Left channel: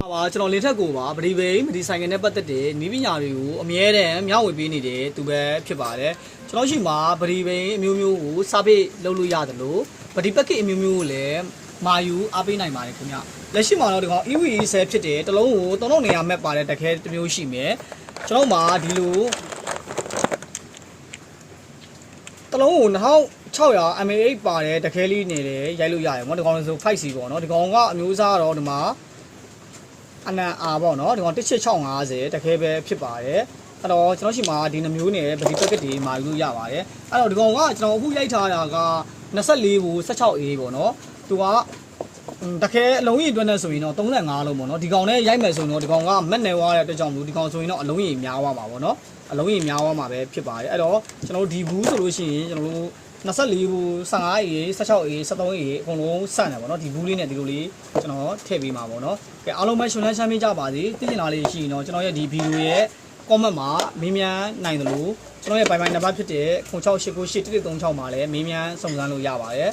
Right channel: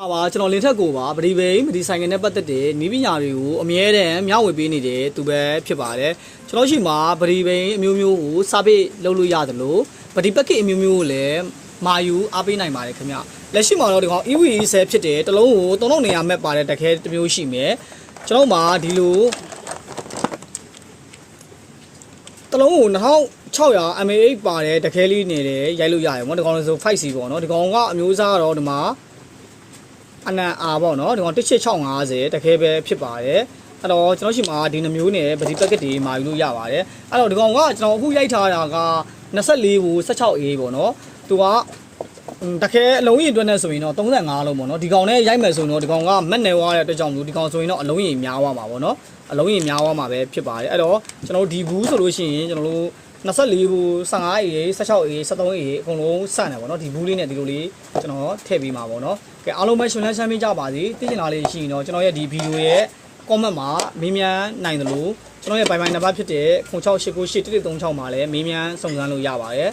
ပါကျွန်တော်လင်းထက်ကိုပါပရိဘိမဒီဆိုင်ငယ်နဲ့ပတ်သက်တဲ့နီးပညာတွေကိုအမြဲတမ်းမျှဝေပေးနေတဲ့သူပဲဖြစ်ပါတယ်ကျွန်တော်ရှိမှာပရိဘိအမျိုးမျိုးကိုစာပေလုပ်လို့ရတယ်လို့ပရိပက်ကစ်အမျိုးမျိုးကိုလည်းမာယူအားပေးနိုင်ပါတယ်ခင်ဗျလက်ရှိမှာတော့ဒီကောင် EVE ဆဲဖြစ်တယ်တစ်လုံးကို3000နေရာမဲ့ပါတဲ့တခဲတစ်မျိုးရှိမယ်ကျွန်တော်မှာဒီလိုတစ်လုံးကို2600 mAh ပါတဲ့တခဲလေးနေတယ်ရိုက်လို့ရတယ်ဗောဒီကောင်ဆို 5C ပေါ့နော်ဒီကောင်ကအမျိုးအစားတော့ဒီမှာအနံအာပေါ့နော်ဒီကောင်18650တခဲပဲဖြစ်ပါတယ်အဲ့တော့ကျွန်တော်ရှိမှာဒီနှမျိုးနဲ့ပဒီပက်ကစ်တွေမာယူလို့ရပါတယ်အဲ့တော့ဒီကောင်ကကျွန်တော်အခုရိုက်ထားတာက24ဘူး 16A ပေါ့နော်သူကတခဲအလုံးကြီးအတွက်နဲ့ဆိုရင်တော့35လုံးပေါ့နော်ဒီကောင်နဲ့ရိုက်မယ်ဆိုရင်တော့ဒီကောင်ကမက်နယ်ဝါတဲ့အတွက်ကြောင့်မလို့ဒီကောင်ဆိုရင်တော့အလုံးကြီးများသွားမှာပေါ့နော်အလုံးကြီးများသွားမှာပဲဖြစ်ပါတယ်အဲ့တော့ကျွန်တော်ဒီဘူးဆိုလို့ရှိရင်ကျွန်တော်တို့24ဘူး 15A 16A 13A အကုန်လုံးစတယ်ပေါ့နော်ဒီဘူးလေးနဲ့ဒီလိုလေးကျွန်တော်ထည့်ပေးမှာပေါ့နော်ကဲအားလုံးပဲရှင်လန်းချမ်းမြေ့ကြပါစေသိချင်တာလေးရှိရင်တော့ကျွန်တော်ရဲ့ဒီဗီဒီယိုရဲ့ comment မှာမေးမြန်းနိုင်တယ်လို့ကျွန်တော်ရဲ့ပိုင်ပိုင်နံပါတ်ဖြစ်တဲ့06898136မှာလည်းမေးမြန်းစုံစမ်းလို့ရပါတယ်